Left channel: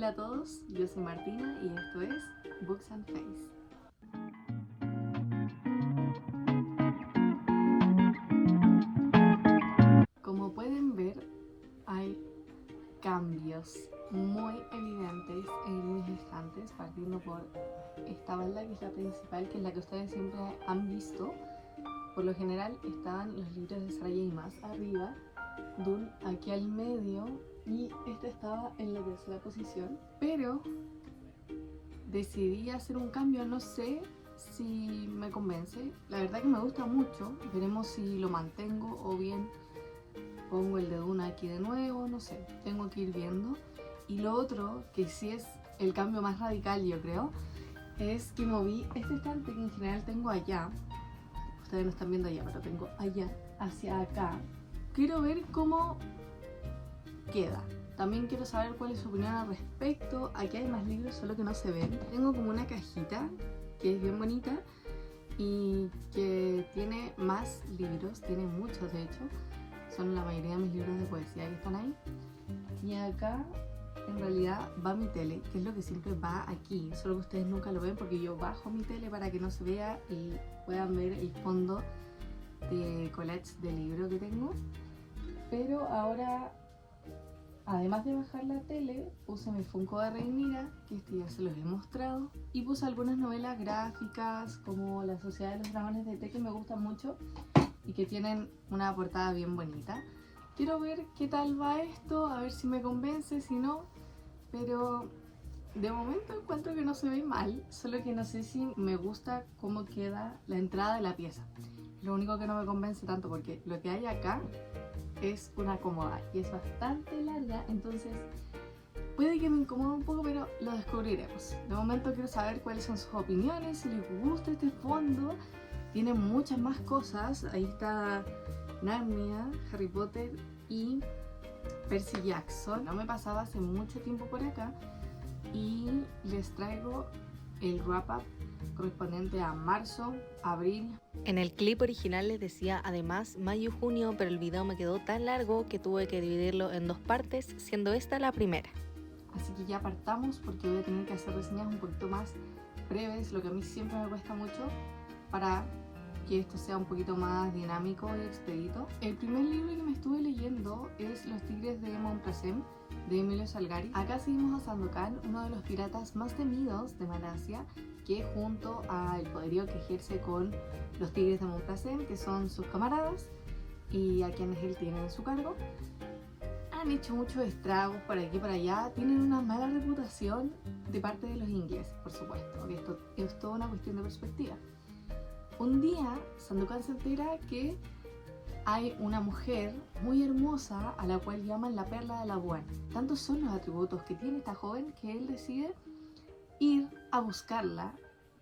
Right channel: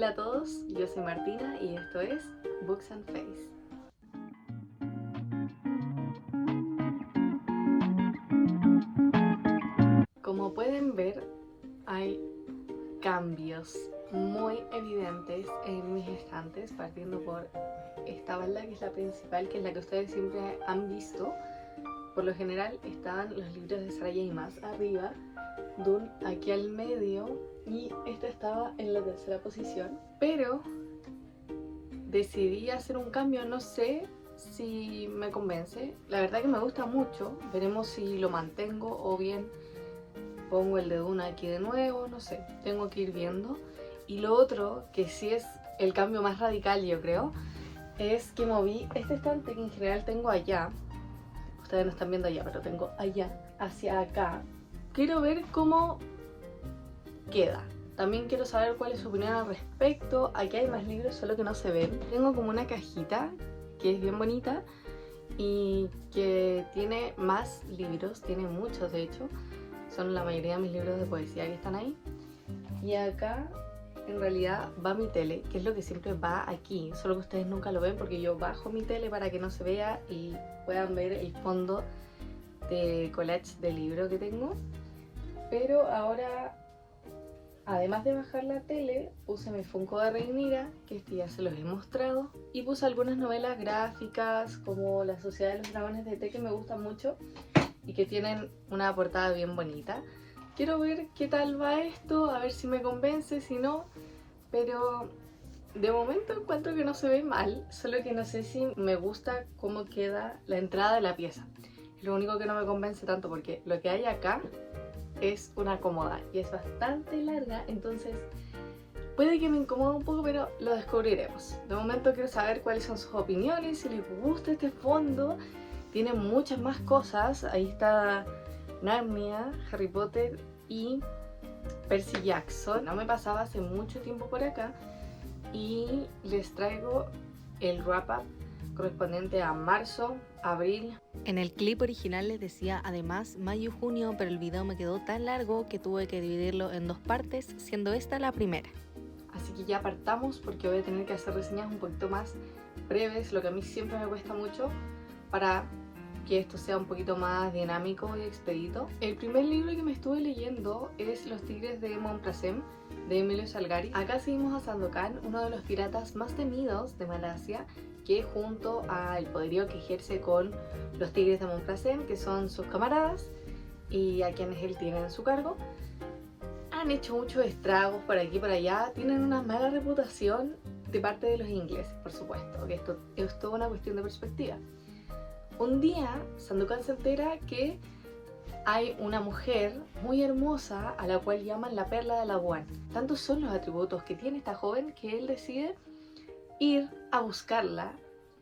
Hola a todos, yo soy Martina y esto es Books and Face. Como pueden ver, hay cambios muy evidentes en mis estantes, partiendo por esta balda que es la principal, que es la que ustedes siempre han visto. Por lo general estaban los libros de Saraya y más arriba, Dune aquí al medio y esta estaba en la tercera posición, pero decidí hacer un cambio, no sé si me convence, la verdad que me gusta mucho, veremos si lo mantengo o bien pongo el de Dune aquí de nuevo, no sé, tengo que ir viendo. Y lo otro, que sí es el cambio más radical yo creo, es que moví este estante que en general tengo allá, ustedes no están viendo allá, pero tengo allá, hacia acá. Quiero ver cómo queda. También quiero saber cuál es su opinión al respecto. Aquí hay más libros, solo que no se ven. Tengo como una cajita que es bien bonita y que tiene más libros, tiene muchos de hecho. Son la mayoría de mis libros de poesía que están ahí. Y acá en realidad va mi tele, que es lo que siempre va aquí, solo que ustedes nunca lo ven porque yo bajo mi tele para que no se vea y puedan ver el fondo de collage de libro que tengo. Pero ahora, además de bajar la tele, puse mi Funko de Rhaenyra, que este ya se los he mostrado, y puse algunas novelas gráficas como La Sociedad de los Dragones de Té, que me gustan mucho y que tienen una portada bien bonita. Quiero ver qué tal va esto, a ver si me convence, si no, pero de momento encuentro que no se ve mal, solo que no sé si me gusta cómo queda la entrada de la pieza. Es lo único que no me convence tanto porque lo que hay acá es una cómoda y es bastante larga, entonces puede que me incomode un poco, pero lo descubriremos. De momento quiero saber cuáles son sus opiniones, si les gusta este fondo. Tiene muchas más cosas, ahí está Narnia, Harry Potter y Percy Jackson. No me pasaba hace mucho tiempo por acá y les traigo el wrap-up correspondiente a marzo, abril. En el clip original les decía además mayo-junio, pero el video me quedó tan largo que tuve que dividirlo en dos partes, siendo esta la primera. Así que ya partamos porque voy a tener que hacer reseñas un poquito más breves, lo que a mí siempre me cuesta mucho, para que esto sea un poquito más dinámico y expedito. El primer libro que me estuve leyendo es Los Tigres de Montparnasse, de Emilio Salgari. Acá seguimos a Sandokan, uno de los piratas más temidos de Malasia, que junto al poderío que ejerce con los Tigres de Montparnasse, que son sus camaradas y a quienes él tiene en su cargo, han hecho muchos estragos por aquí y por allá. Tienen una mala reputación de parte de los ingleses, por supuesto, que esto es toda una cuestión de perspectiva. Un día Sandokan se entera que hay una mujer muy hermosa a la cual llaman la Perla de Labuan. Tantos son los atributos que tiene esta joven que él decide ir a buscarla.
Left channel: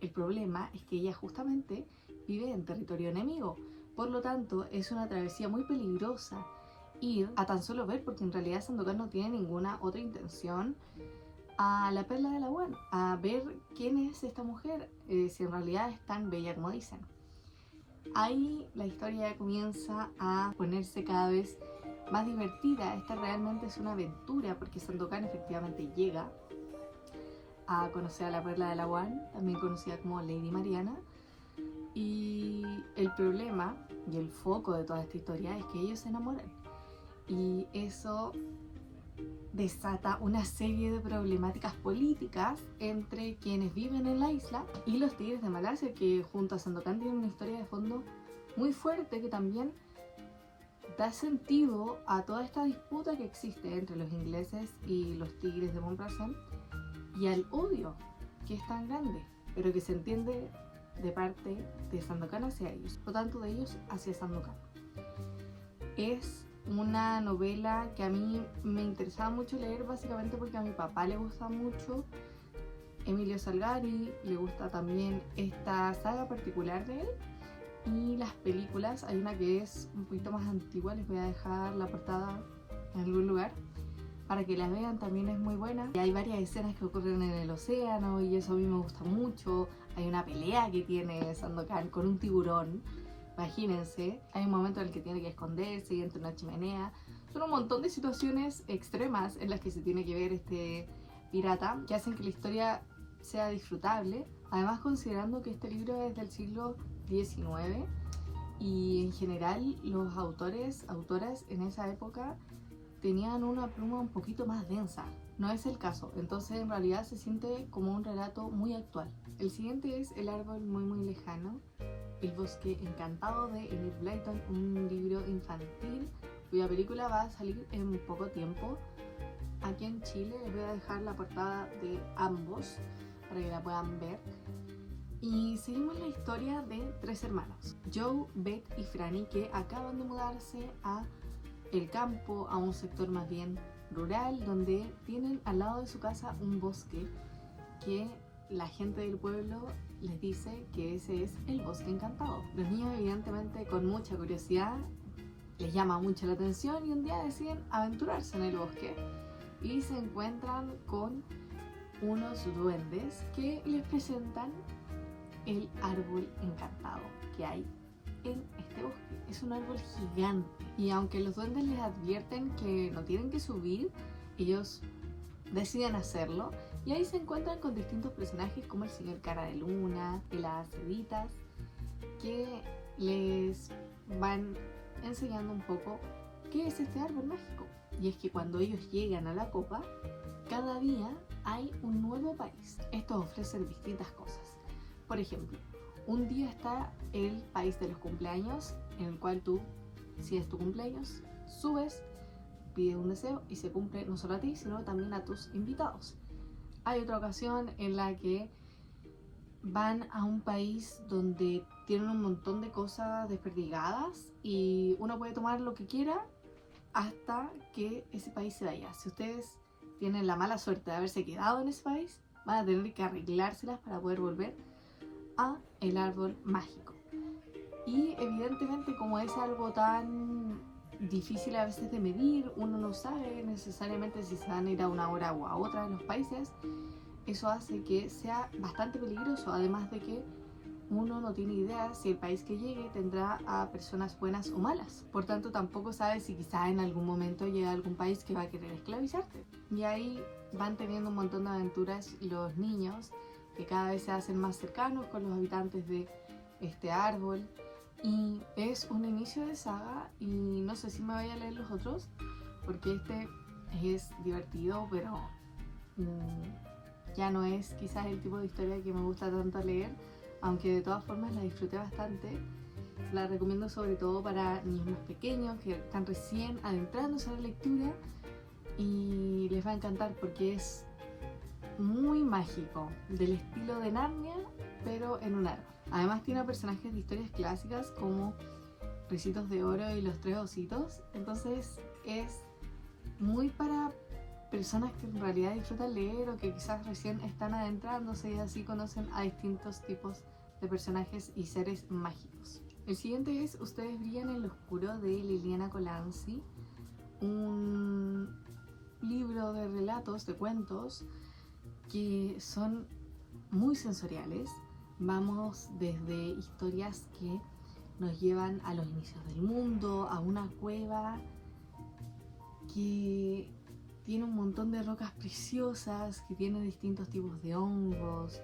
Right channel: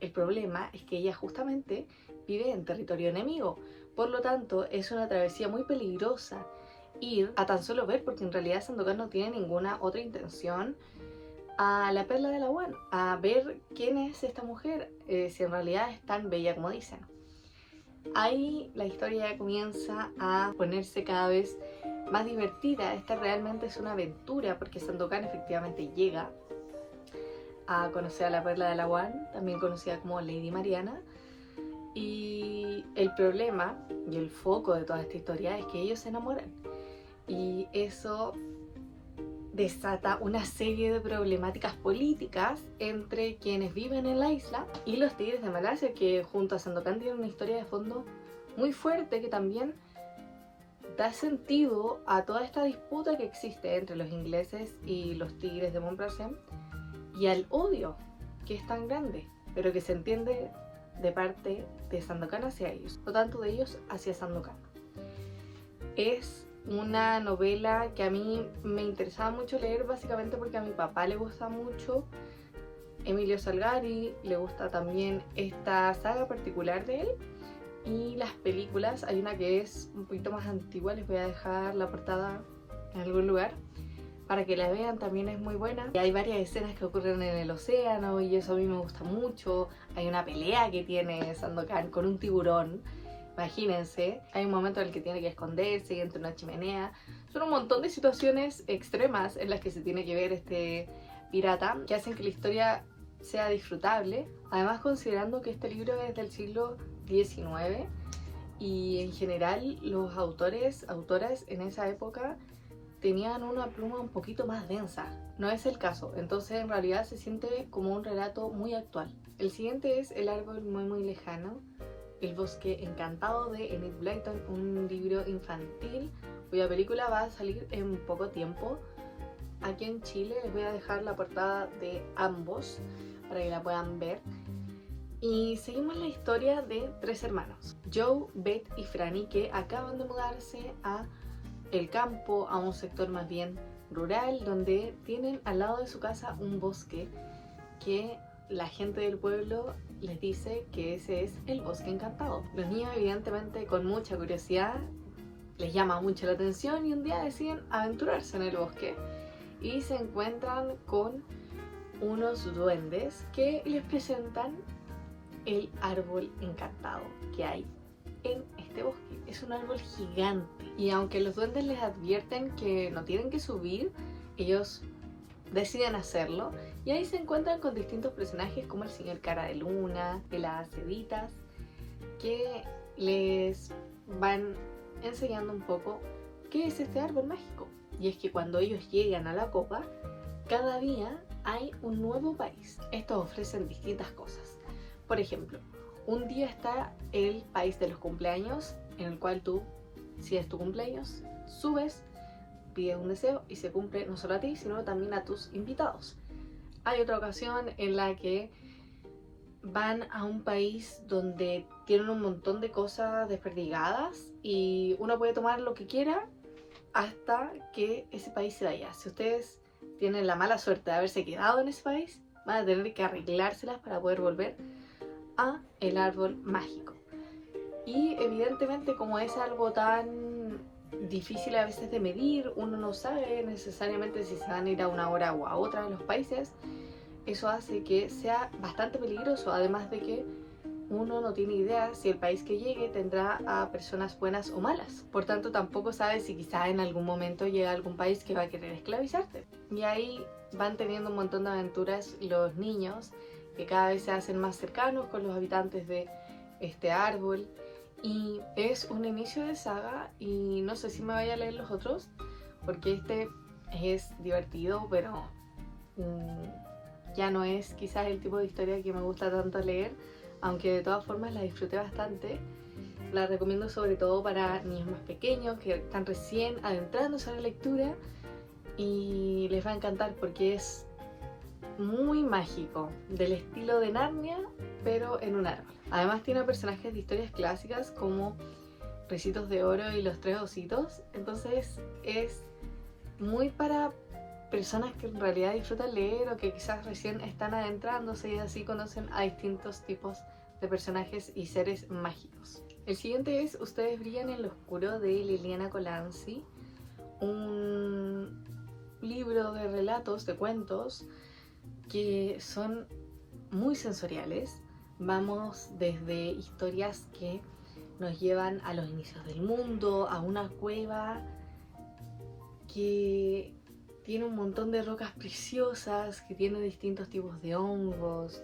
El problema es que ella justamente vive en territorio enemigo, por lo tanto es una travesía muy peligrosa ir a tan solo ver, porque en realidad Sandokan no tiene ninguna otra intención, a la Perla de Labuan, a ver quién es esta mujer, si en realidad es tan bella como dicen. Ahí la historia comienza a ponerse cada vez más divertida. Esta realmente es una aventura porque Sandokan efectivamente llega a conocer a la Perla de Labuan, también conocida como Lady Mariana, y el problema y el foco de toda esta historia es que ellos se enamoran y eso desata una serie de problemáticas políticas entre quienes viven en la isla y los Tigres de Malasia, que junto a Sandokan tienen una historia de fondo muy fuerte que también da sentido a toda esta disputa que existe entre los ingleses y los Tigres de Montparnasse y al odio que es tan grande, pero que se entiende de parte de Sandokan hacia ellos, no tanto de ellos hacia Sandokan. Es una novela que a mí me interesaba mucho leer, básicamente porque a mi papá le gusta mucho Emilio Salgari, le gusta también esta saga particular de él y las películas. Hay una que es un poquito más antigua, les voy a dejar la portada en algún lugar para que la vean, también es muy buena. Hay varias escenas que ocurren en el océano y eso a mí me gusta mucho. Hay una pelea que tiene Sandokan con un tiburón. Imagínense, hay un momento en el que tiene que esconderse y entre una chimenea. Son un montón de situaciones extremas en las que se tiene que ver este pirata que hacen que la historia sea disfrutable. Además, considerando que este libro es del siglo XIX y en general los autoras en esa época tenían una pluma un poquito más densa. No es el caso, entonces en realidad se siente como un relato muy actual. El siguiente es El árbol muy lejano, El bosque encantado de Enid Blyton, un libro infantil cuya película va a salir en poco tiempo. Aquí en Chile les voy a dejar la portada de ambos para que la puedan ver. Y seguimos la historia de tres hermanos, Joe, Beth y Franny, que acaban de mudarse a el campo, a un sector más bien rural, donde tienen al lado de su casa un bosque que la gente del pueblo les dice que ese es el bosque encantado. Los niños, evidentemente, con mucha curiosidad, les llama mucho la atención y un día deciden aventurarse en el bosque y se encuentran con unos duendes que les presentan el árbol encantado que hay en este bosque. Es un árbol gigante y aunque los duendes les advierten que no tienen que subir, ellos deciden hacerlo y ahí se encuentran con distintos personajes como el señor Cara de Luna, de las Cevitas, que les van enseñando un poco qué es este árbol mágico. Y es que cuando ellos llegan a la copa, cada día hay un nuevo país. Estos ofrecen distintas cosas. Por ejemplo, un día está el país de los cumpleaños, en el cual tú, si es tu cumpleaños, subes, pides un deseo y se cumple no solo a ti, sino también a tus invitados. Hay otra ocasión en la que van a un país donde tienen un montón de cosas desperdigadas y uno puede tomar lo que quiera hasta que ese país se vaya. Si ustedes tienen la mala suerte de haberse quedado en ese país, van a tener que arreglárselas para poder volver a el árbol mágico. Y evidentemente, como es algo tan difícil a veces de medir, uno no sabe necesariamente si se van a ir a una hora o a otra en los países. Eso hace que sea bastante peligroso, además de que uno no tiene idea si el país que llegue tendrá a personas buenas o malas. Por tanto, tampoco sabe si quizá en algún momento llega a algún país que va a querer esclavizarte. Y ahí van teniendo un montón de aventuras los niños, que cada vez se hacen más cercanos con los habitantes de este árbol. Y es un inicio de saga y no sé si me vaya a leer los otros, porque este es divertido, pero ya no es quizás el tipo de historia que me gusta tanto leer, aunque de todas formas la disfruté bastante. La recomiendo sobre todo para niños más pequeños que están recién adentrándose a la lectura y les va a encantar porque es muy mágico, del estilo de Narnia, pero en un árbol. Además tiene personajes de historias clásicas como Ricitos de Oro y Los Tres Ositos, entonces es muy para personas que en realidad disfrutan leer o que quizás recién están adentrándose y así conocen a distintos tipos de personajes y seres mágicos. El siguiente es Ustedes brillan en lo oscuro de Liliana Colanzi, un libro de relatos, de cuentos que son muy sensoriales. Vamos desde historias que nos llevan a los inicios del mundo, a una cueva que tiene un montón de rocas preciosas, que tiene distintos tipos de hongos,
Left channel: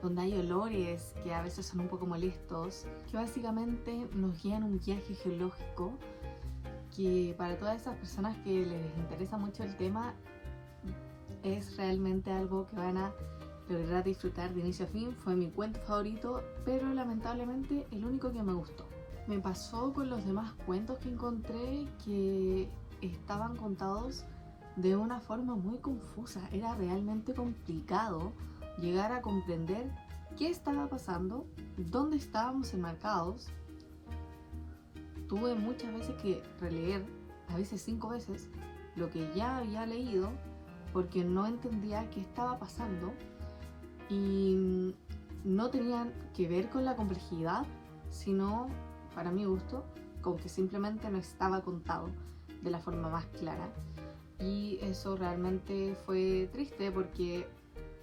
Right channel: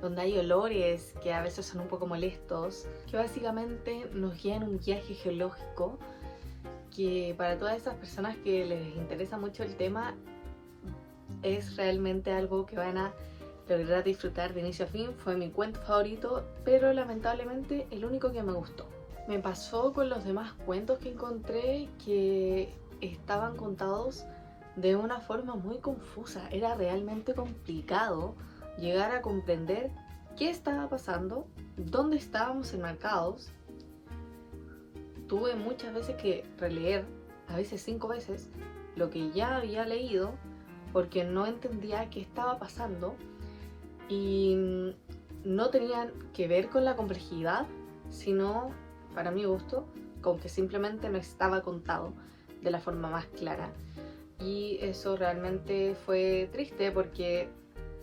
donde hay olores que a veces son un poco molestos, que básicamente nos guían un viaje geológico que para todas esas personas que les interesa mucho el tema es realmente algo que van a lograr disfrutar de inicio a fin. Fue mi cuento favorito, pero lamentablemente el único que me gustó. Me pasó con los demás cuentos que encontré que estaban contados de una forma muy confusa. Era realmente complicado llegar a comprender qué estaba pasando, dónde estábamos enmarcados. Tuve muchas veces que releer, a veces 5 veces, lo que ya había leído porque no entendía qué estaba pasando y no tenían que ver con la complejidad, sino, para mi gusto, con que simplemente no estaba contado de la forma más clara. Y eso realmente fue triste porque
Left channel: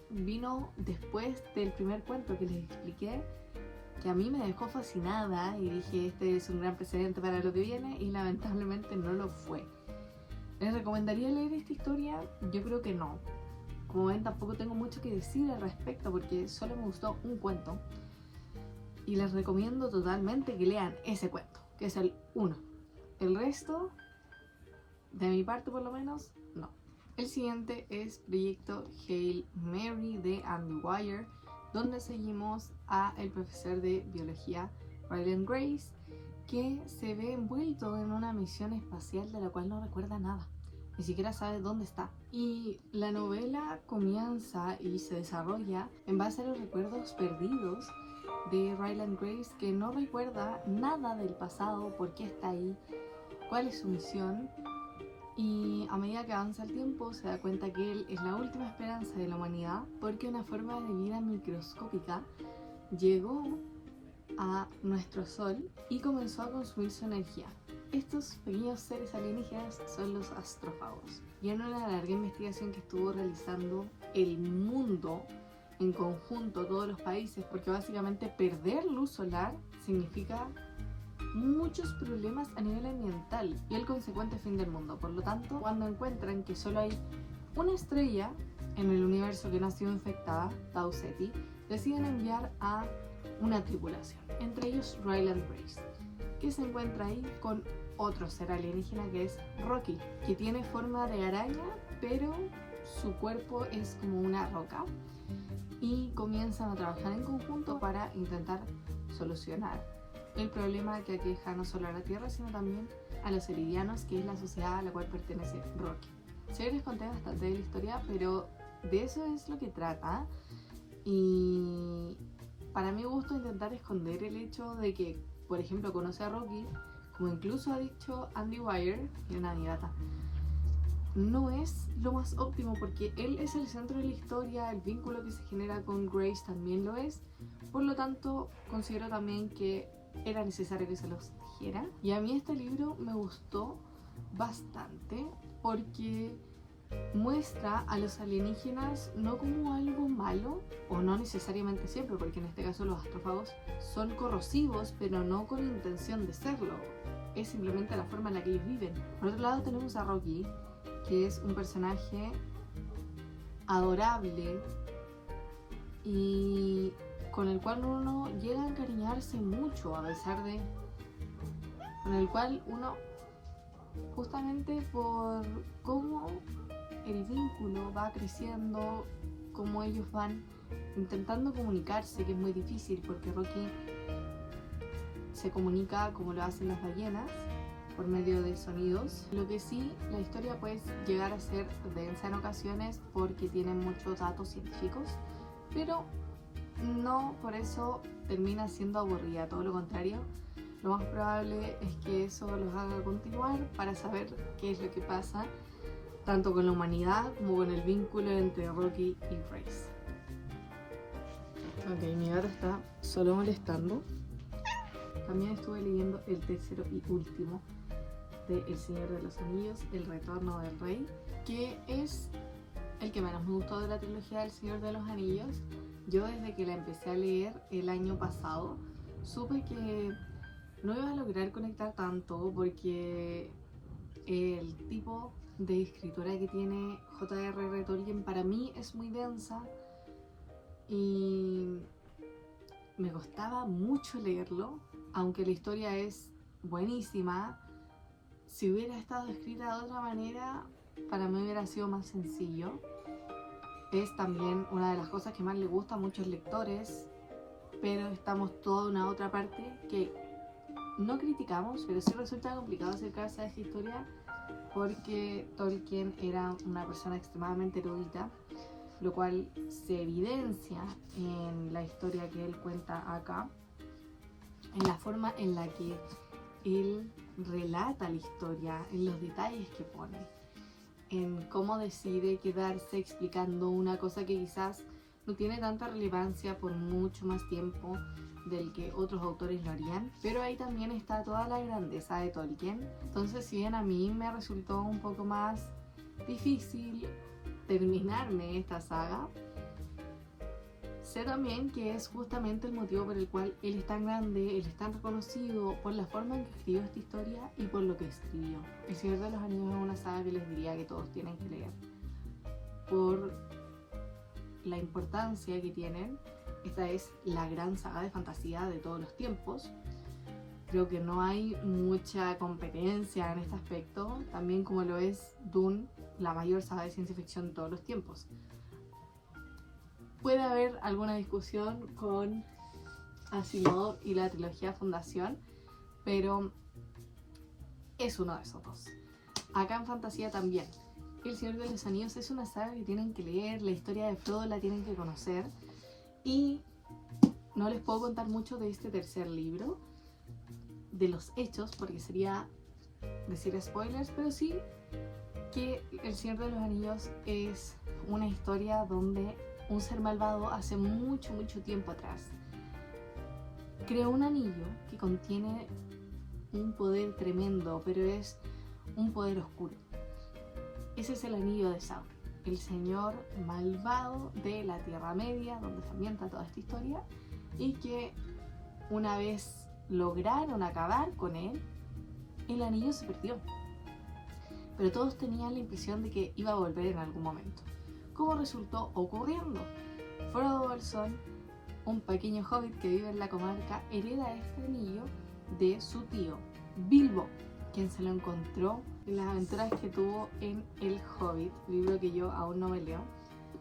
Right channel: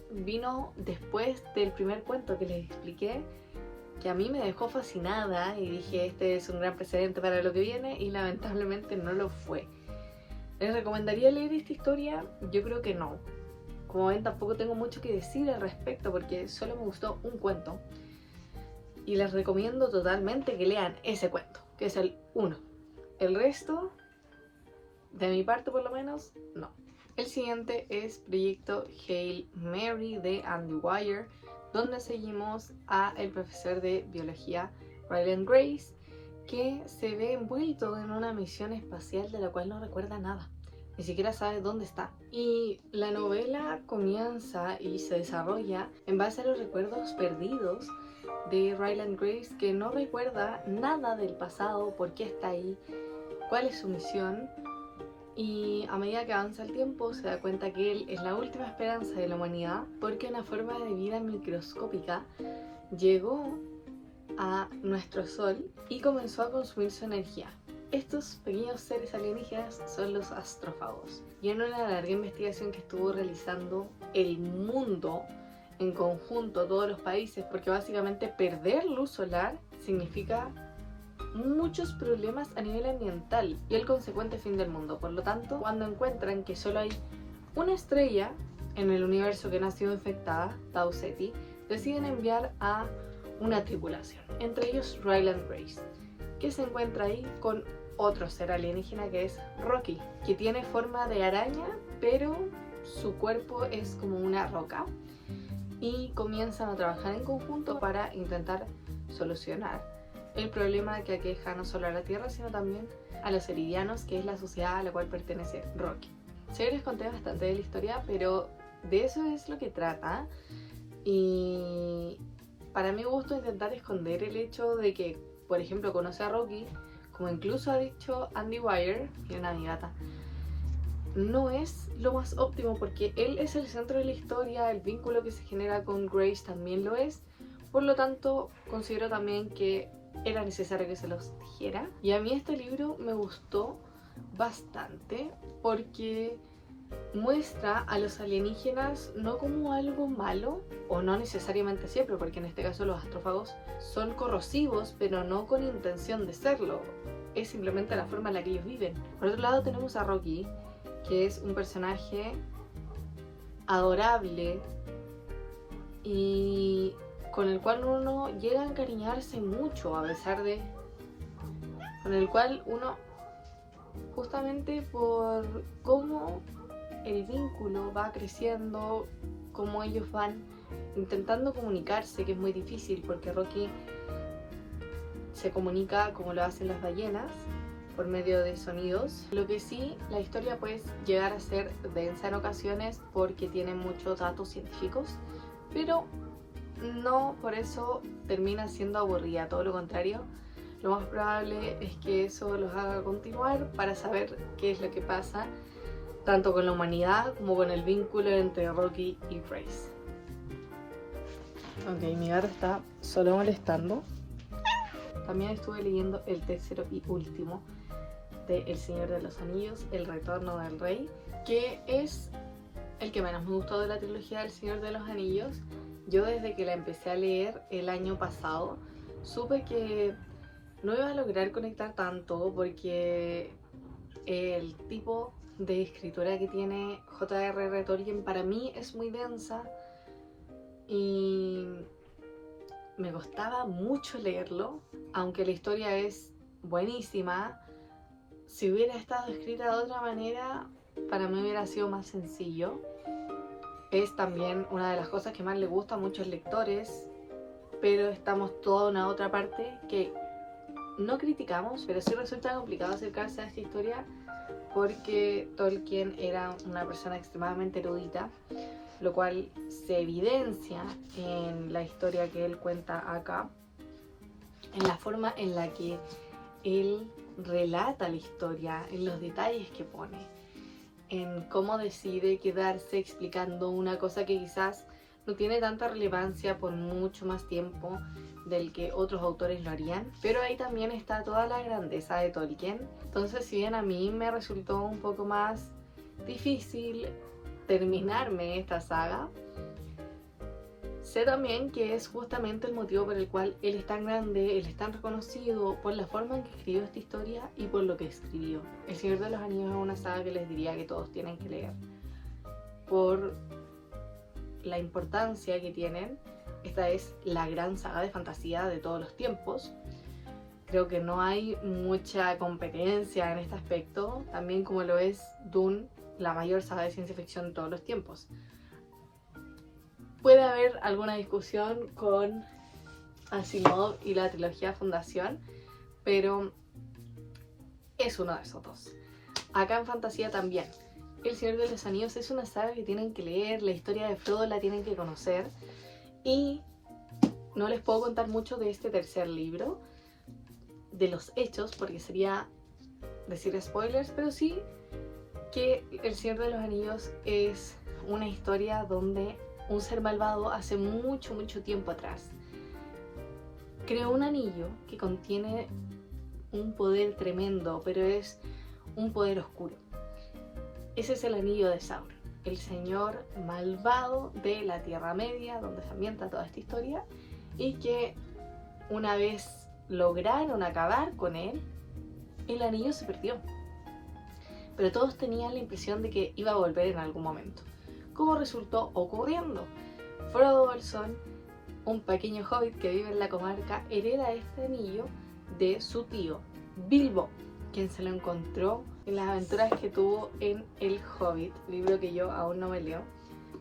vino después del primer cuento que les expliqué, que a mí me dejó fascinada y dije, este es un gran precedente para lo que viene, y lamentablemente no lo fue. ¿Les recomendaría leer esta historia? Yo creo que no. como ven, tampoco tengo mucho que decir al respecto porque solo me gustó un cuento. Y les recomiendo totalmente que lean ese cuento, que es el 1. El resto, de mi parte por lo menos, no. El siguiente es Proyecto Hail Mary de Andy Weir, donde seguimos a el profesor de biología Ryland Grace, que se ve envuelto en una misión espacial de la cual no recuerda nada, ni siquiera sabe dónde está. Y la novela comienza y se desarrolla en base a los recuerdos perdidos de Ryland Grace, que no recuerda nada del pasado, por qué está ahí, cuál es su misión. Y a medida que avanza el tiempo se da cuenta que él es la última esperanza de la humanidad, porque una forma de vida microscópica llegó a nuestro Sol y comenzó a consumir su energía. Estos pequeños seres alienígenas son los astrófagos. Y en una larga investigación que estuvo realizando el mundo en conjunto, todos los países, porque básicamente perder luz solar significa muchos problemas a nivel ambiental y el consecuente fin del mundo. Por lo tanto, cuando encuentran que solo hay una estrella en el universo que no ha sido infectada, Tau Ceti, deciden enviar a una tripulación, entre ellos Ryland Grace, que se encuentra ahí con otro ser alienígena que es Rocky, que tiene forma de araña, pero su cuerpo es como una roca, y comienzan a trabajar en conjunto para intentar solucionar el problema que aqueja no solo a la Tierra, sino también a los Eridianos, que es la sociedad a la cual pertenece Rocky. Sé que les conté bastante de la historia, pero de eso es lo que trata. Y para mi gusto intentar esconder el hecho de que, por ejemplo, conoce a Rocky, como incluso ha dicho Andy Weir, miren a mi gata, no es lo más óptimo porque él es el centro de la historia, el vínculo que se genera con Grace también lo es, por lo tanto considero también que era necesario que se los dijera. Y a mí este libro me gustó bastante porque muestra a los alienígenas no como algo malo, o no necesariamente siempre, porque en este caso los astrófagos son corrosivos, pero no con intención de serlo, es simplemente la forma en la que ellos viven. Por otro lado tenemos a Rocky, que es un personaje adorable y con el cual uno llega a encariñarse mucho, a pesar de... con el cual uno, justamente por cómo el vínculo va creciendo, cómo ellos van intentando comunicarse, que es muy difícil porque Rocky se comunica como lo hacen las ballenas, por medio de sonidos. Lo que sí, la historia puede llegar a ser densa en ocasiones porque tiene muchos datos científicos, pero no por eso termina siendo aburrida, todo lo contrario. Lo más probable es que eso los haga continuar para saber qué es lo que pasa, tanto con la humanidad como con el vínculo entre Rocky y Grace. Ok, mi gato está solo molestando. También estuve leyendo el tercero y último de El Señor de los Anillos, El Retorno del Rey, que es el que menos me gustó de la trilogía del Señor de los Anillos. Yo desde que la empecé a leer el año pasado supe que no iba a lograr conectar tanto porque el tipo de escritura que tiene J.R.R. Tolkien para mí es muy densa y me costaba mucho leerlo, aunque la historia es buenísima. Si hubiera estado escrita de otra manera, para mí hubiera sido más sencillo. Es también una de las cosas que más le gusta a muchos lectores, pero estamos toda una otra parte que no criticamos, pero sí resulta complicado acercarse a esta historia porque Tolkien era una persona extremadamente erudita, lo cual se evidencia en la historia que él cuenta acá, en la forma en la que él relata la historia, en los detalles que pone, en cómo decide quedarse explicando una cosa que quizás no tiene tanta relevancia por mucho más tiempo del que otros autores lo harían, pero ahí también está toda la grandeza de Tolkien. Entonces, si bien a mí me resultó un poco más difícil terminarme esta saga, sé también que es justamente el motivo por el cual él es tan grande, él es tan reconocido, por la forma en que escribió esta historia y por lo que escribió. El Señor de los Anillos es una saga que les diría que todos tienen que leer, por la importancia que tienen. Esta es la gran saga de fantasía de todos los tiempos. Creo que no hay mucha competencia en este aspecto, también como lo es Dune, la mayor saga de ciencia ficción de todos los tiempos. Puede haber alguna discusión con Asimov y la trilogía Fundación, pero es uno de esos dos. Acá en fantasía también. El Señor de los Anillos es una saga que tienen que leer, la historia de Frodo la tienen que conocer, y no les puedo contar mucho de este tercer libro, de los hechos, porque sería decir spoilers, pero sí que El Señor de los Anillos es una historia donde un ser malvado hace mucho tiempo atrás creó un anillo que contiene un poder tremendo, pero es un poder oscuro. Ese es el anillo de Sauron, el señor malvado de la Tierra Media, donde se ambienta toda esta historia, y que una vez lograron acabar con él, el anillo se perdió. Pero todos tenían la impresión de que iba a volver en algún momento. ¿Cómo resultó ocurriendo? Frodo Bolsón, un pequeño hobbit que vive en la comarca, hereda este anillo de su tío, Bilbo, quien se lo encontró en las aventuras que tuvo en El Hobbit, libro que yo aún no me leo.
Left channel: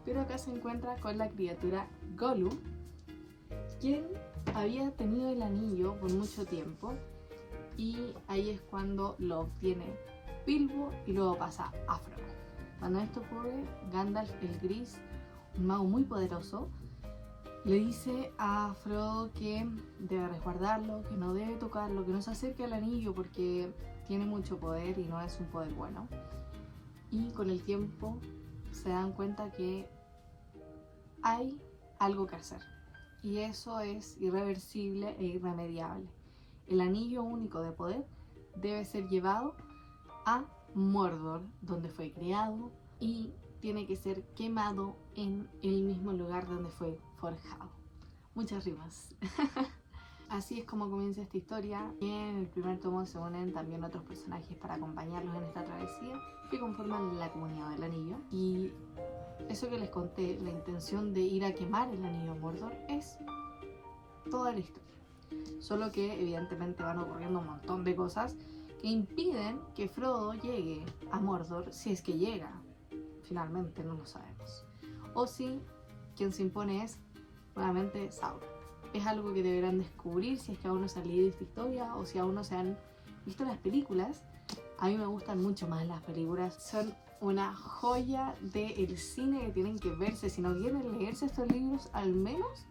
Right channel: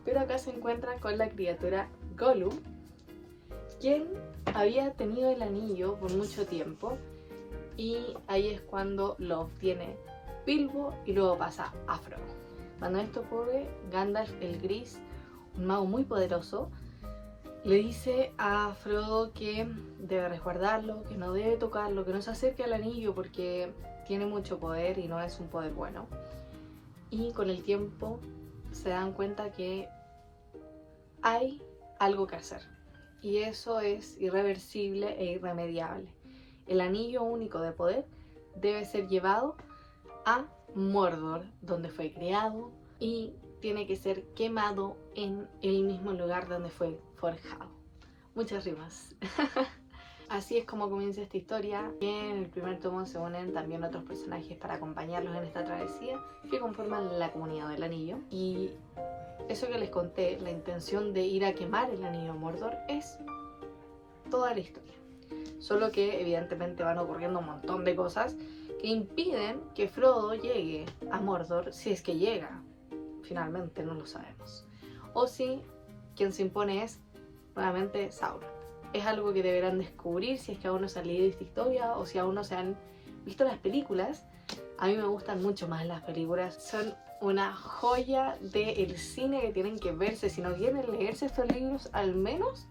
Pero acá se encuentra con la criatura Gollum, quien había tenido el anillo por mucho tiempo, y ahí es cuando lo obtiene Bilbo y luego pasa a Frodo. Cuando esto ocurre, Gandalf el Gris, un mago muy poderoso, le dice a Frodo que debe resguardarlo, que no debe tocarlo, que no se acerque al anillo porque tiene mucho poder y no es un poder bueno. Y con el tiempo se dan cuenta que hay algo que hacer, y eso es irreversible e irremediable. El anillo único de poder debe ser llevado a Mordor, donde fue creado, y tiene que ser quemado en el mismo lugar donde fue forjado. Muchas rimas. Así es como comienza esta historia. En el primer tomo se unen también otros personajes para acompañarlos en esta travesía, que conforman la comunidad del anillo. Y eso que les conté, la intención de ir a quemar el anillo a Mordor, es toda la historia. Solo que evidentemente van ocurriendo un montón de cosas que impiden que Frodo llegue a Mordor, si es que llega. Finalmente no lo sabemos. O si quien se impone es nuevamente Sauron. Es algo que deberán descubrir si es que aún no se han leído esta historia o si aún no se han visto las películas. A mí me gustan mucho más las películas. Son una joya del cine que tienen que verse. Si no quieren leerse estos libros, al menos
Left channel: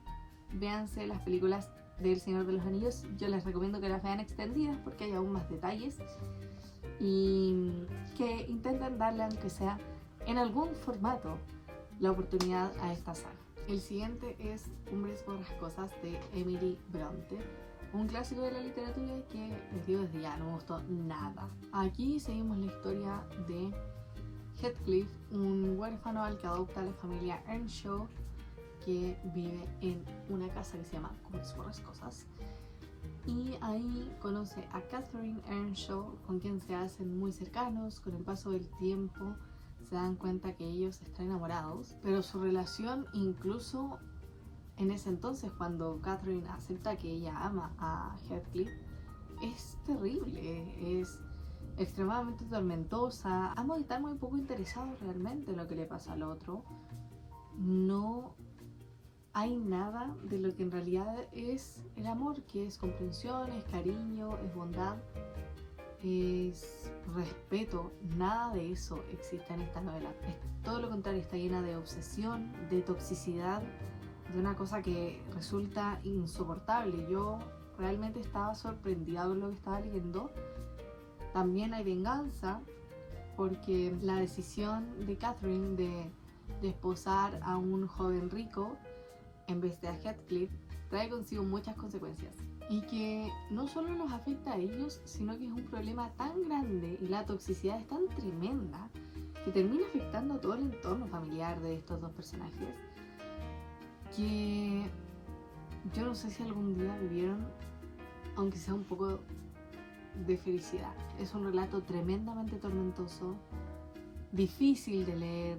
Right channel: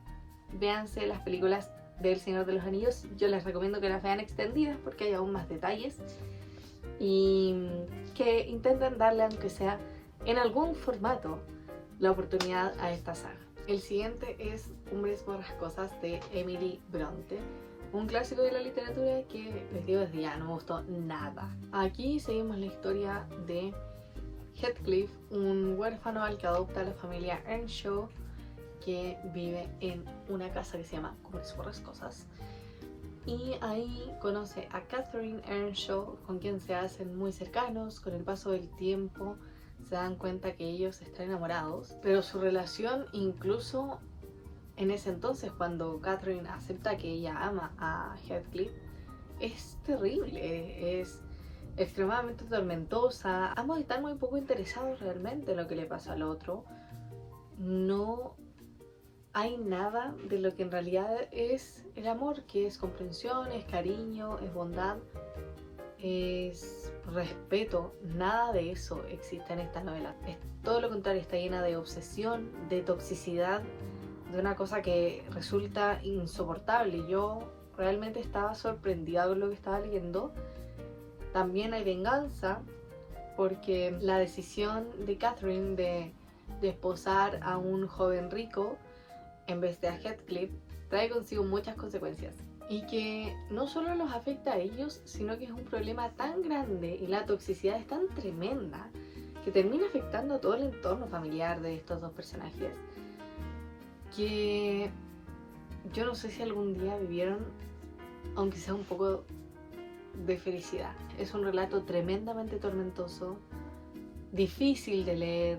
véanse las películas del Señor de los Anillos. Yo les recomiendo que las vean extendidas porque hay aún más detalles, y que intenten darle, aunque sea en algún formato, la oportunidad a esta saga. El siguiente es Cumbres Borrascosas de Emily Bronte, un clásico de la literatura que les digo desde ya, no me gustó nada. Aquí seguimos la historia de Heathcliff, un huérfano al que adopta la familia Earnshaw, que vive en una casa que se llama Cumbres Borrascosas. Y ahí conoce a Catherine Earnshaw, con quien se hacen muy cercanos. Con el paso del tiempo se dan cuenta que ellos están enamorados, pero su relación, incluso en ese entonces cuando Catherine acepta que ella ama a Heathcliff, es terrible, es extremadamente tormentosa. Ambos están muy poco interesados realmente en lo que le pasa al otro. No hay nada de lo que en realidad es el amor, que es comprensión, es cariño, es bondad, es respeto. Nada de eso existe en esta novela. Es todo lo contrario, está llena de obsesión, de toxicidad, de una cosa que resulta insoportable. Yo realmente estaba sorprendida por lo que estaba leyendo. También hay venganza, porque la decisión de Catherine de desposar a un joven rico en vez de a Heathcliff trae consigo muchas consecuencias, y que no solo los afecta a ellos, sino que es un problema tan grande y la toxicidad es tan tremenda que termina afectando a todo el entorno familiar de estos dos personajes, que yo no sé si algún día vivieron, aunque sea un poco de felicidad. Es un relato tremendamente tormentoso, difícil de leer,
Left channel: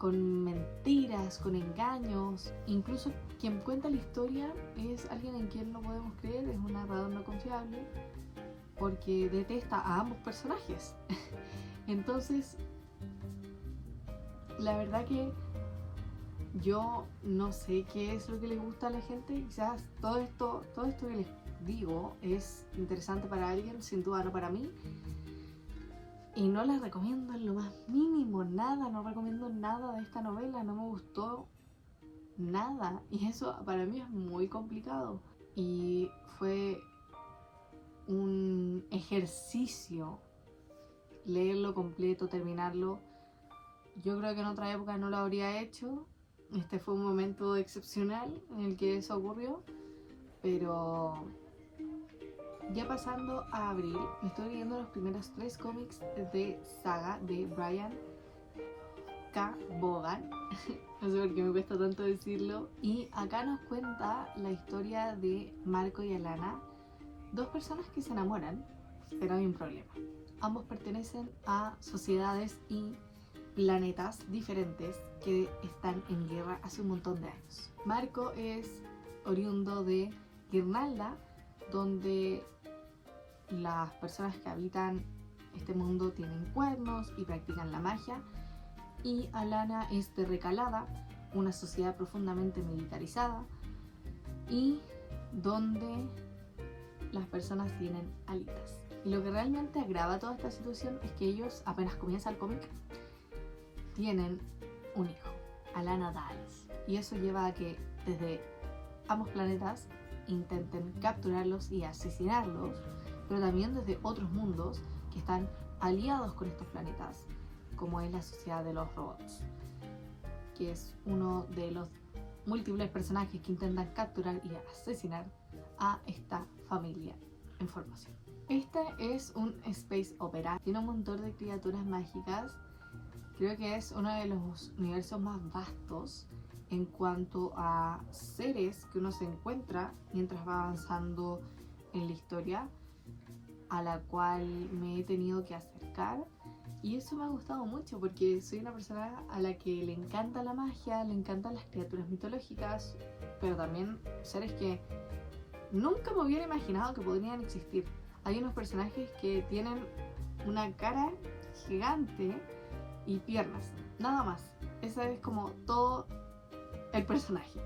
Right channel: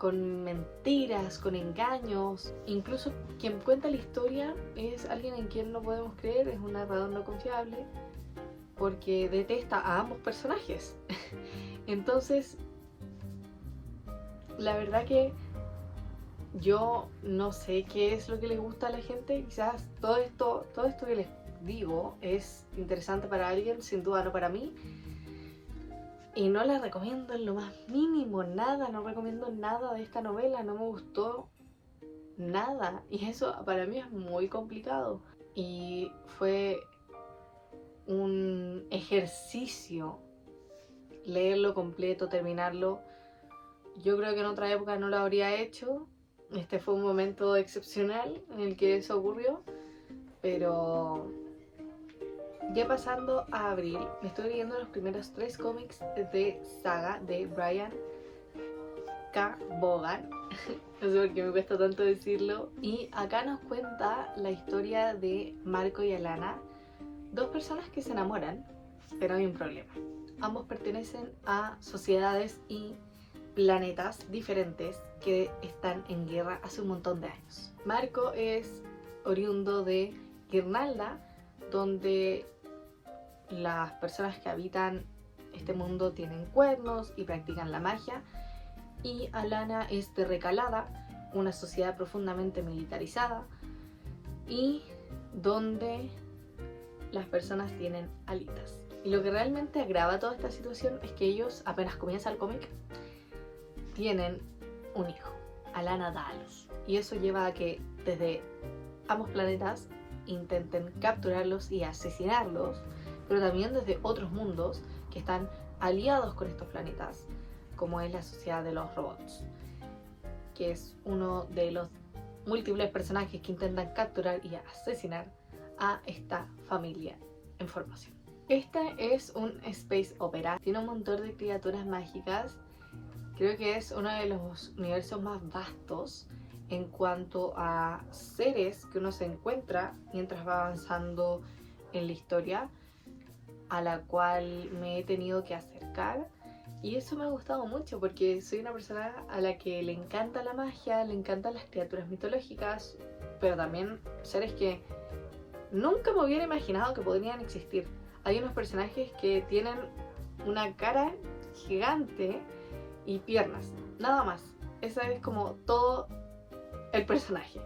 con mentiras, con engaños. Incluso quien cuenta la historia es alguien en quien no podemos creer, es un narrador no confiable, porque detesta a ambos personajes. Entonces, la verdad que yo no sé qué es lo que les gusta a la gente. Quizás todo esto que les digo es interesante para alguien, sin duda no para mí. Y no la recomiendo en lo más mínimo, nada, no recomiendo nada de esta novela, no me gustó nada. Y eso para mí es muy complicado. Y fue un ejercicio leerlo completo, terminarlo. Yo creo que en otra época no lo habría hecho. Este fue un momento excepcional en el que eso ocurrió. Pero ya pasando a abril, me estoy leyendo los primeros 3 cómics de Saga de Brian K. Vaughan. No sé por qué me cuesta tanto decirlo. Y acá nos cuenta la historia de Marco y Alana, 2 personas que se enamoran, pero hay un problema. Ambos pertenecen a sociedades y planetas diferentes que están en guerra hace un montón de años. Marco es oriundo de Guirnalda, donde las personas que habitan este mundo tienen cuernos y practican la magia. Y Alana es de Recalada, una sociedad profundamente militarizada y donde las personas tienen alitas. Y lo que realmente agrava toda esta situación es que ellos, apenas comienza el cómic, tienen un hijo, Alana da a luz. Y eso lleva a que desde ambos planetas intenten capturarlos y asesinarlos, pero también desde otros mundos que están aliados con estos planetas, como es la sociedad de los robots, que es uno de los múltiples personajes que intentan capturar y asesinar a esta familia en formación. Este es un space opera, tiene un montón de criaturas mágicas. Creo que es uno de los universos más vastos en cuanto a seres que uno se encuentra mientras va avanzando en la historia, a la cual me he tenido que acercar. Y eso me ha gustado mucho porque soy una persona a la que le encanta la magia, le encantan las criaturas mitológicas, pero también seres que nunca me hubiera imaginado que podrían existir. Hay unos personajes que tienen una cara gigante y piernas, nada más. Ese es como todo el personaje.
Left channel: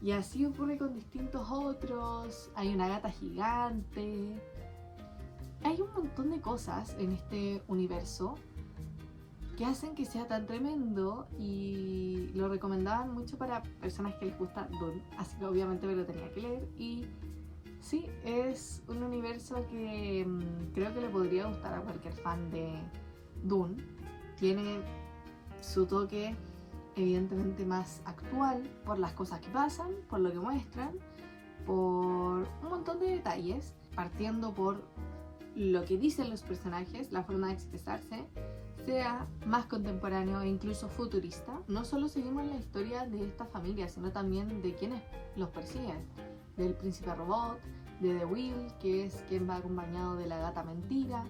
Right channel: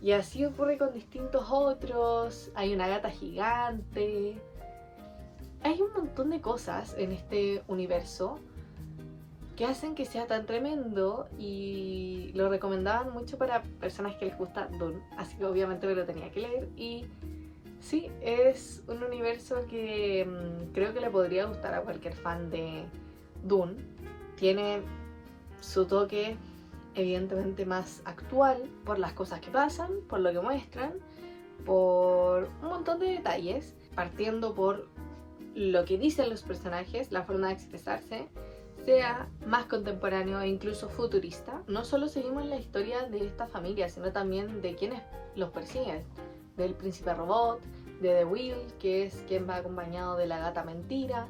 Y así ocurre con distintos otros. Hay una gata gigante. Hay un montón de cosas en este universo que hacen que sea tan tremendo y lo recomendaban mucho para personas que les gusta Dune, así que obviamente me lo tenía que leer. Y sí, es un universo que creo que le podría gustar a cualquier fan de Dune. Tiene su toque evidentemente más actual por las cosas que pasan, por lo que muestran, por un montón de detalles, partiendo por lo que dicen los personajes, la forma de expresarse, sea más contemporáneo e incluso futurista. No solo seguimos la historia de esta familia, sino también de quienes los persiguen, del príncipe robot, de The Will, que es quien va acompañado de la gata mentira,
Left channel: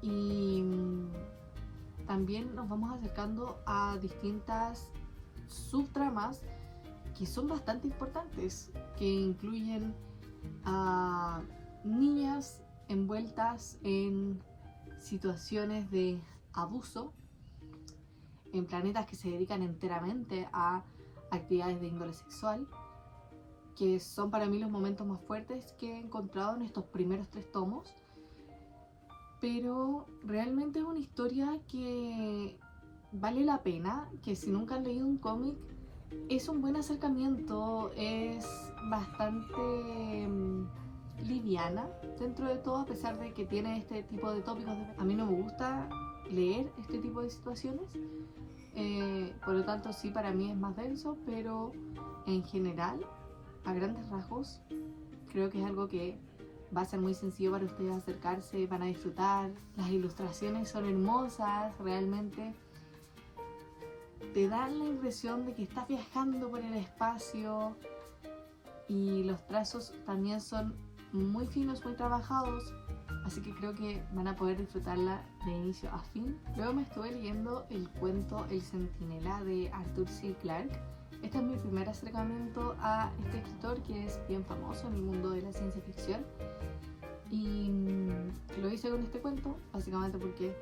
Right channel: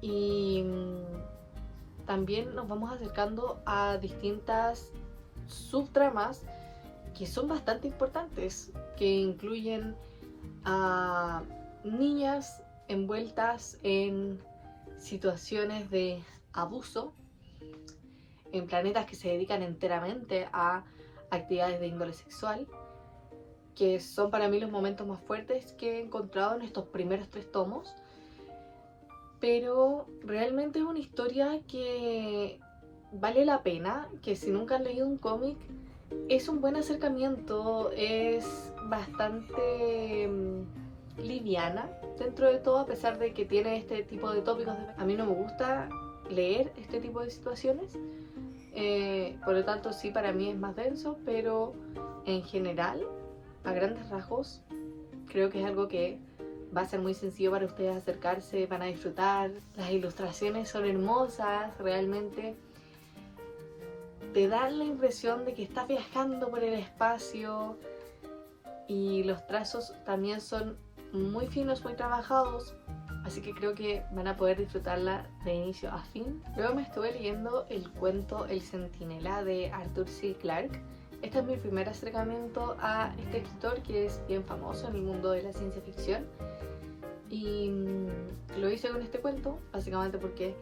y también nos vamos acercando a distintas subtramas que son bastante importantes, que incluyen a niñas envueltas en situaciones de abuso en planetas que se dedican enteramente a actividades de índole sexual, que son para mí los momentos más fuertes que he encontrado en estos primeros 3 tomos. Pero realmente es una historia que vale la pena, que si nunca han leído un cómic, es un buen acercamiento, es bastante liviana dentro de todo, a pesar de que tiene este tipo de tópicos. A mí no me gusta leer este tipo de situaciones, por lo tanto sí, para mí es más denso, pero en general, a grandes rasgos, creo que es algo que va a ser muy sencillo para ustedes acercarse, van a disfrutar. Las ilustraciones son hermosas, realmente te dan la impresión de que estás viajando por el espacio, y los trazos también son muy finos, muy trabajados. así que creo que van a poder disfrutarla de inicio a fin. Luego me estuve leyendo el cuento El Centinela de Arthur C. Clarke. Este es mi primer acercamiento a este escritor que es bien famoso en el mundo de la ciencia ficción, y lo hice con este cuento básicamente porque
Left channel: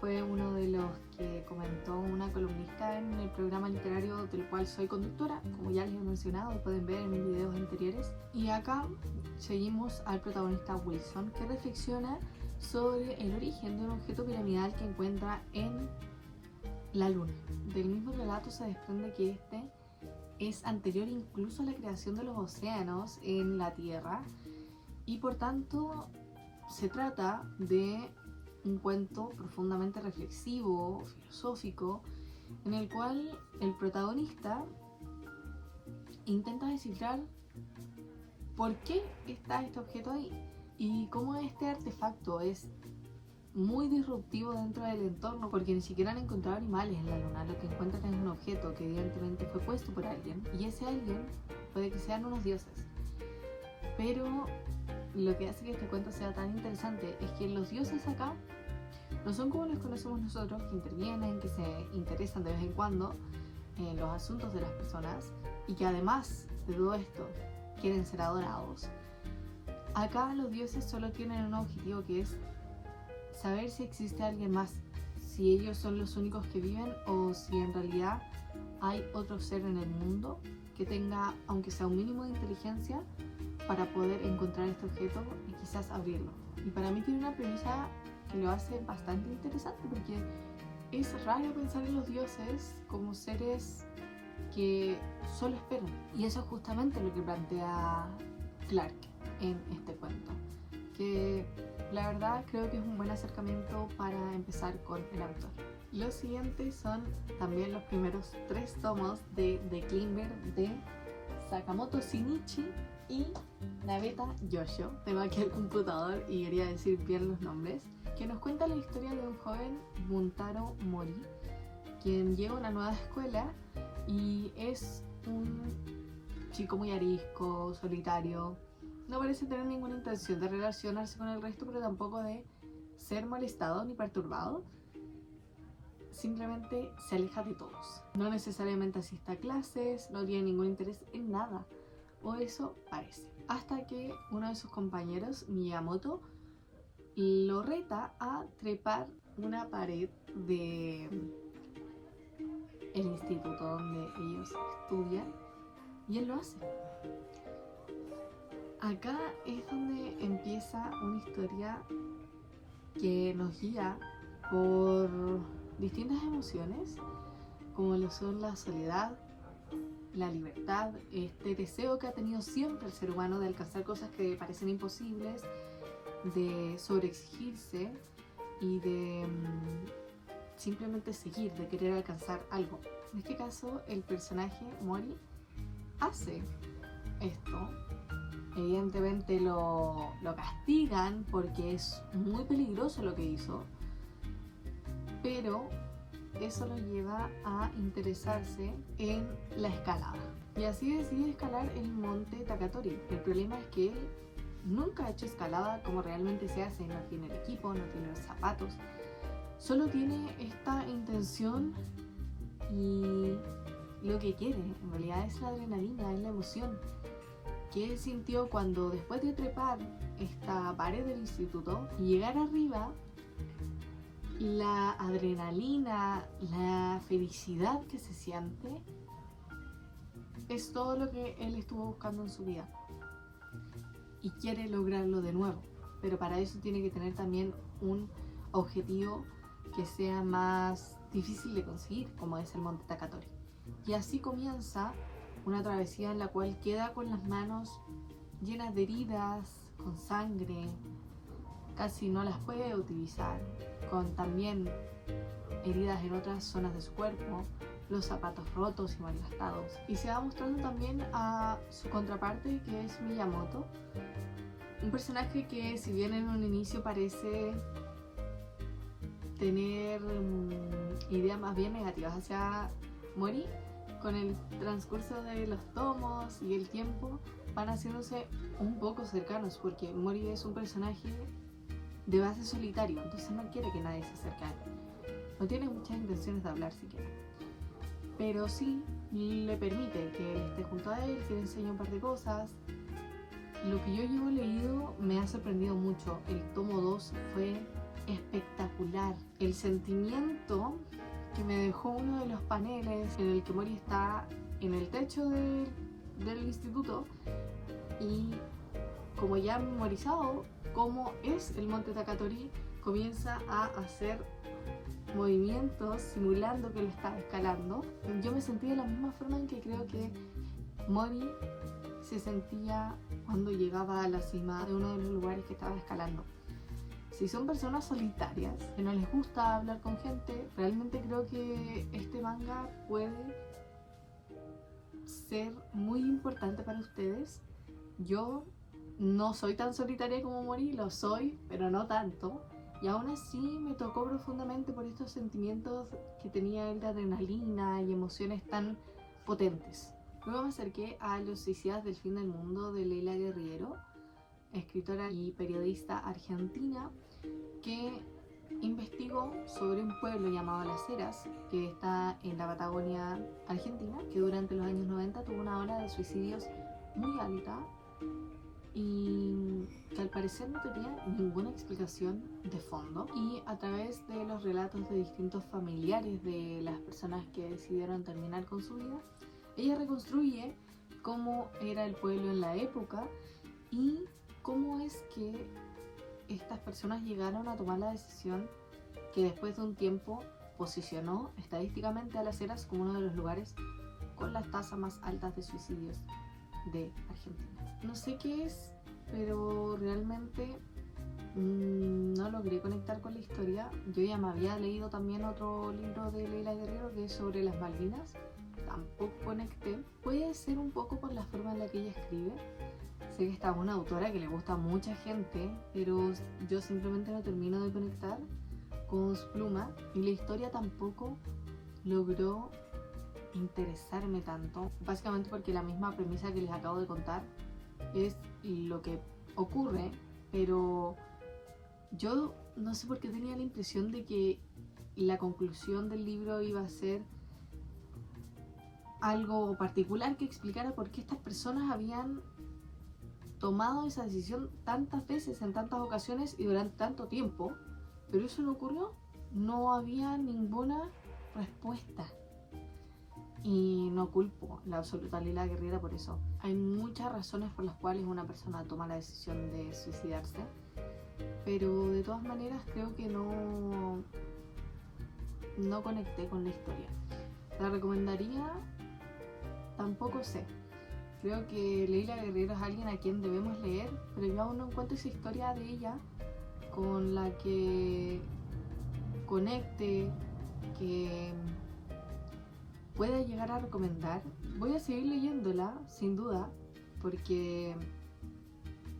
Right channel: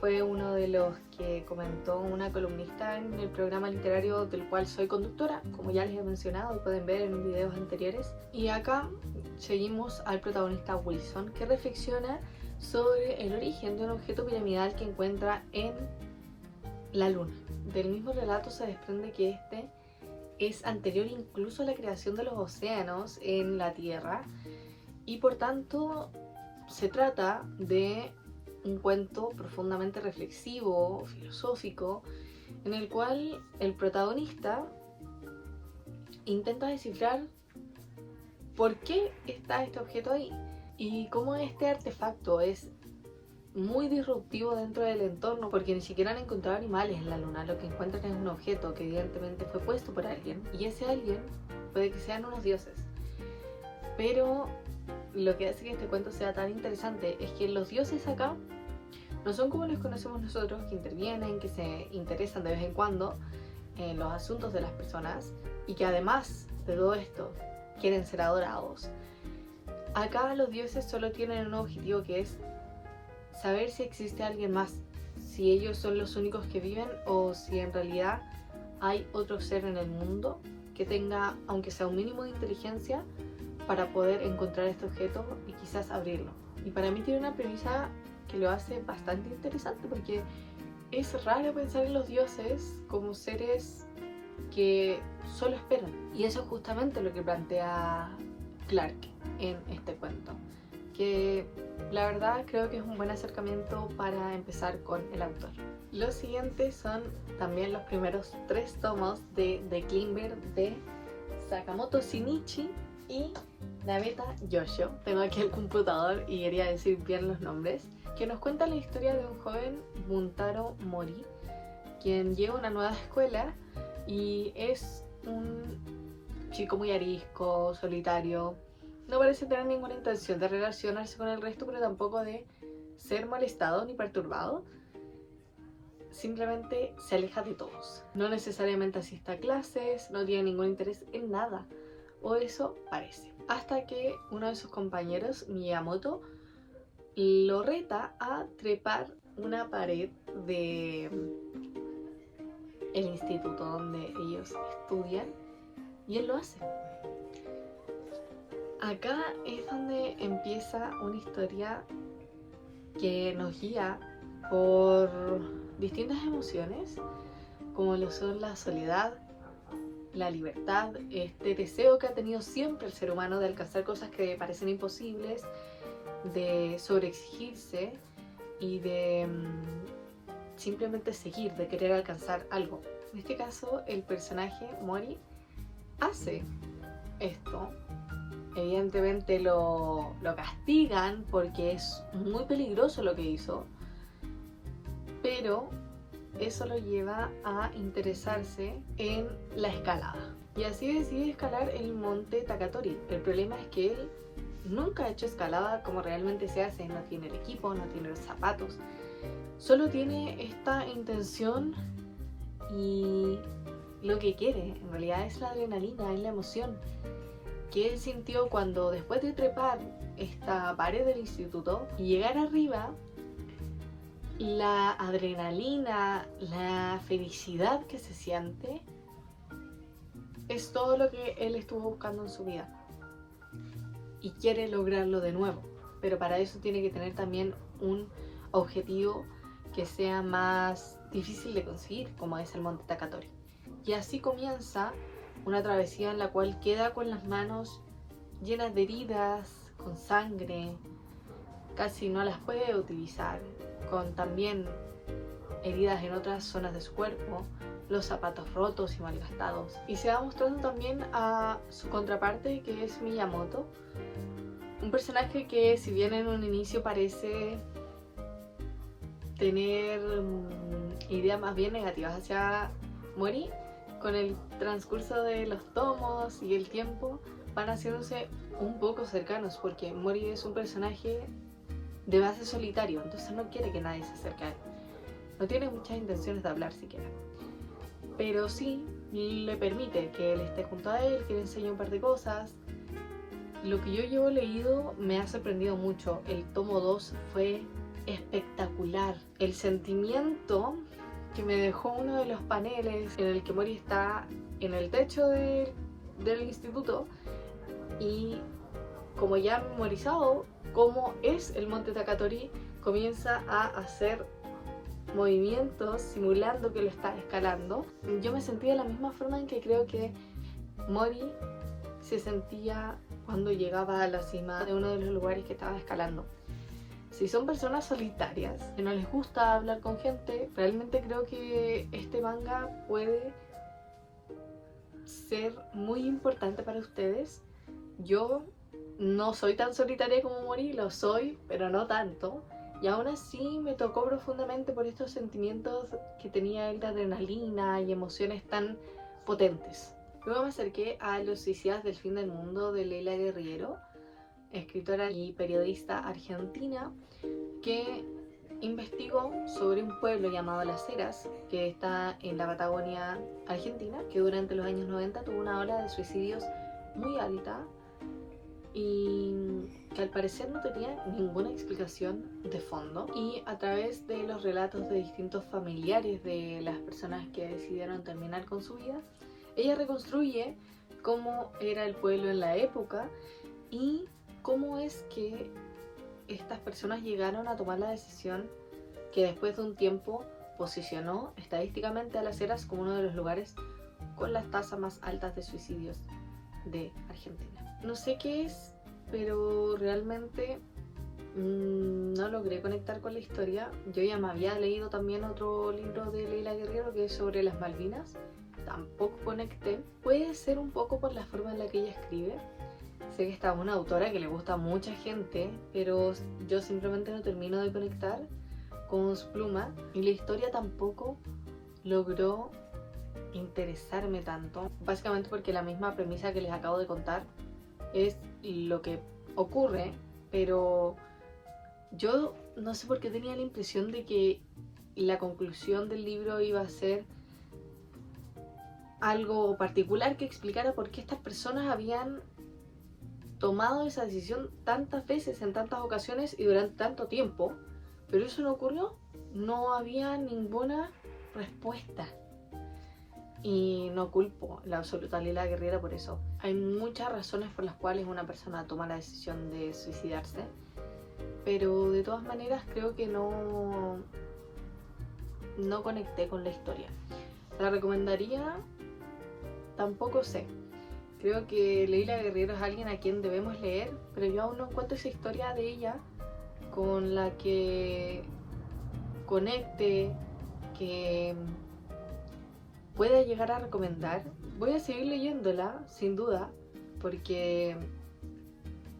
fue uno de los que comentó una columnista en el programa literario del cual soy conductora, como ya les he mencionado y pueden ver en videos anteriores. Y acá seguimos al protagonista Wilson, que reflexiona sobre el origen de un objeto piramidal que encuentra en la luna. Del mismo relato se desprende que este es anterior incluso a la creación de los océanos en la Tierra, y por tanto se trata de un cuento profundamente reflexivo, filosófico, en el cual el protagonista intenta descifrar por qué está este objeto ahí y cómo este artefacto es muy disruptivo dentro del entorno, porque ni siquiera han encontrado animales en la luna. Lo que encuentran es un objeto que evidentemente fue puesto por alguien, y ese alguien puede que sean unos dioses. Pero lo que hace que este cuento sea tan interesante es que los dioses acá no son como los conocemos nosotros, que intervienen, que se interesan de vez en cuando en los asuntos de las personas y que además de todo esto quieren ser adorados. Acá los dioses solo tienen un objetivo, que es saber si existe alguien más, si ellos son los únicos que viven o si en realidad hay otro ser en el mundo que tenga, aunque sea un mínimo de inteligencia, para poder encontrar este objeto y quizás abrirlo. Y para mí tiene una premisa que lo hace bastante interesante, porque es raro pensar en los dioses como seres que solo esperan. Y eso es justamente lo que plantea Clarke en este cuento, que la verdad creo que es un buen acercamiento para empezar con el autor. Los siguientes son también los primeros 3 tomos de The Climber de Sakamoto Shinichi y Nabeta Yoshio. Tengo aquí el computador y quería decir bien los nombres. Que nos cuenta la historia de un joven, Buntaro Mori, quien llega a una nueva escuela y es un chico muy arisco, solitario. No parece tener ninguna intención de relacionarse con el resto, pero tampoco de ser molestado ni perturbado. Simplemente se aleja de todos. No necesariamente asiste a clases, no tiene ningún interés en nada, o eso parece. Hasta que uno de sus compañeros, Miyamoto, lo reta a trepar una pared de el instituto donde ellos estudian, y él lo hace. Acá es donde empieza una historia que nos guía por distintas emociones, como lo son la soledad, la libertad, este deseo que ha tenido siempre el ser humano de alcanzar cosas que parecen imposibles, de sobreexigirse y de simplemente seguir, de querer alcanzar algo. En este caso, el personaje Mori hace esto. Evidentemente lo castigan porque es muy peligroso lo que hizo, pero eso lo lleva a interesarse en la escalada. Y así decide escalar el monte Takatori. El problema es que él nunca ha hecho escalada como realmente se hace. No tiene el equipo, no tiene los zapatos. Solo tiene esta intención, y lo que quiere en realidad es la adrenalina, es la emoción que él sintió cuando, después de trepar esta pared del instituto y llegar arriba, la adrenalina, la felicidad que se siente, es todo lo que él estuvo buscando en su vida y quiere lograrlo de nuevo, pero para eso tiene que tener también un objetivo que sea más difícil de conseguir, como es el monte Takatori. Y así comienza una travesía en la cual queda con las manos llenas de heridas, con sangre, casi no las puede utilizar, con también heridas en otras zonas de su cuerpo, los zapatos rotos y malgastados. Y se va mostrando también a su contraparte, que es Miyamoto, un personaje que, si bien en un inicio parece tener ideas más bien negativas hacia Mori, con el transcurso de los tomos y el tiempo van haciéndose un poco cercanos, porque Mori es un personaje de base solitario, entonces no quiere que nadie se acerque a él. No tiene muchas intenciones de hablar siquiera. Pero sí le permite que él esté junto a él, que le enseñe un par de cosas. Lo que yo llevo leído me ha sorprendido mucho. El tomo 2 fue espectacular. El sentimiento que me dejó uno de los paneles en el que Mori está en el techo del instituto y, como ya memorizado cómo es el monte Takatori, comienza a hacer movimientos simulando que lo está escalando. Yo me sentí de la misma forma en que creo que Mori se sentía cuando llegaba a la cima de uno de los lugares que estaba escalando. Si son personas solitarias, que no les gusta hablar con gente, realmente creo que este manga puede ser muy importante para ustedes. Yo no soy tan solitaria como Mori, lo soy, pero no tanto. Y aún así me tocó profundamente por estos sentimientos que tenía él de adrenalina y emociones tan potentes. Luego me acerqué a Los suicidas del fin del mundo de Leila Guerriero, escritora y periodista argentina que investigó sobre un pueblo llamado Las Heras, que está en la Patagonia argentina, que durante los años 90 tuvo una ola de suicidios muy alta y que al parecer no tenía ninguna explicación de fondo. Y a través de los relatos de distintos familiares de las personas que decidieron terminar con su vida, ella reconstruye cómo era el pueblo en la época y cómo es que estas personas llegaron a tomar la decisión que después de un tiempo posicionó estadísticamente a Las Heras como uno de los lugares con las tasas más altas de suicidios de Argentina. No sé qué es, pero realmente no logré conectar con la historia. Yo ya me había leído también otro libro de Leila Guerriero que es sobre las Malvinas. Tampoco conecté. Puede ser un poco por la forma en la que ella escribe. Sé que esta es una autora que le gusta a mucha gente, pero yo simplemente no termino de conectar con su pluma y la historia tampoco logró interesarme tanto, básicamente porque la misma premisa que les acabo de contar es lo que ocurre, pero yo no sé por qué tenía la impresión de que la conclusión del libro iba a ser algo particular que explicara por qué estas personas habían tomado esa decisión tantas veces, en tantas ocasiones y durante tanto tiempo, pero eso no ocurrió. No había ninguna respuesta y no culpo la absoluta Leila Guerriero por eso. Hay muchas razones por las cuales una persona toma la decisión de suicidarse, pero de todas maneras creo que no conecté con la historia. ¿La recomendaría? Tampoco sé. Creo que Leila Guerriero es alguien a quien debemos leer, pero yo aún no encuentro esa historia de ella con la que conecte, que pueda llegar a recomendar. Voy a seguir leyéndola, sin duda, porque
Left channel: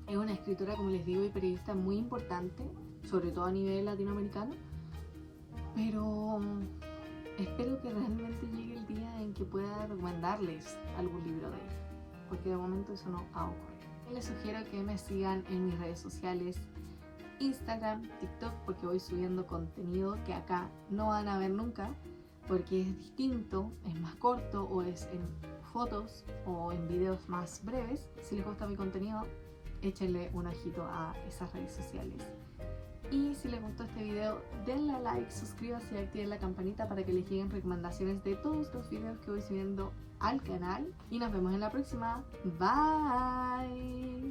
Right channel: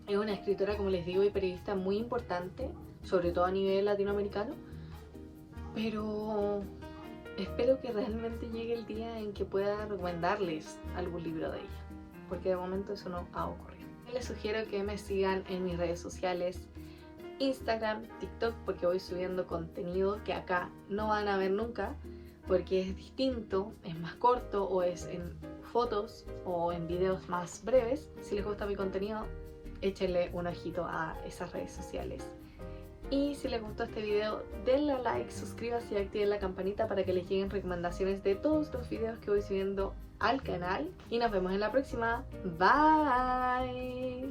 es una escritora, como les digo, y periodista muy importante, sobre todo a nivel latinoamericano, pero espero que realmente llegue el día en que pueda recomendarles algún libro de ella, porque de momento eso no ha ocurrido. Les sugiero que me sigan en mis redes sociales, Instagram, TikTok, porque voy subiendo contenido que acá no van a ver nunca, porque es distinto, es más corto o es en fotos o en videos más breves. Si les gusta mi contenido, échenle un ojito a esas redes sociales. Y si les gustó este video, denle a like, suscríbanse y activen la campanita para que les lleguen recomendaciones de todos los videos que voy subiendo al canal. Y nos vemos en la próxima. Bye.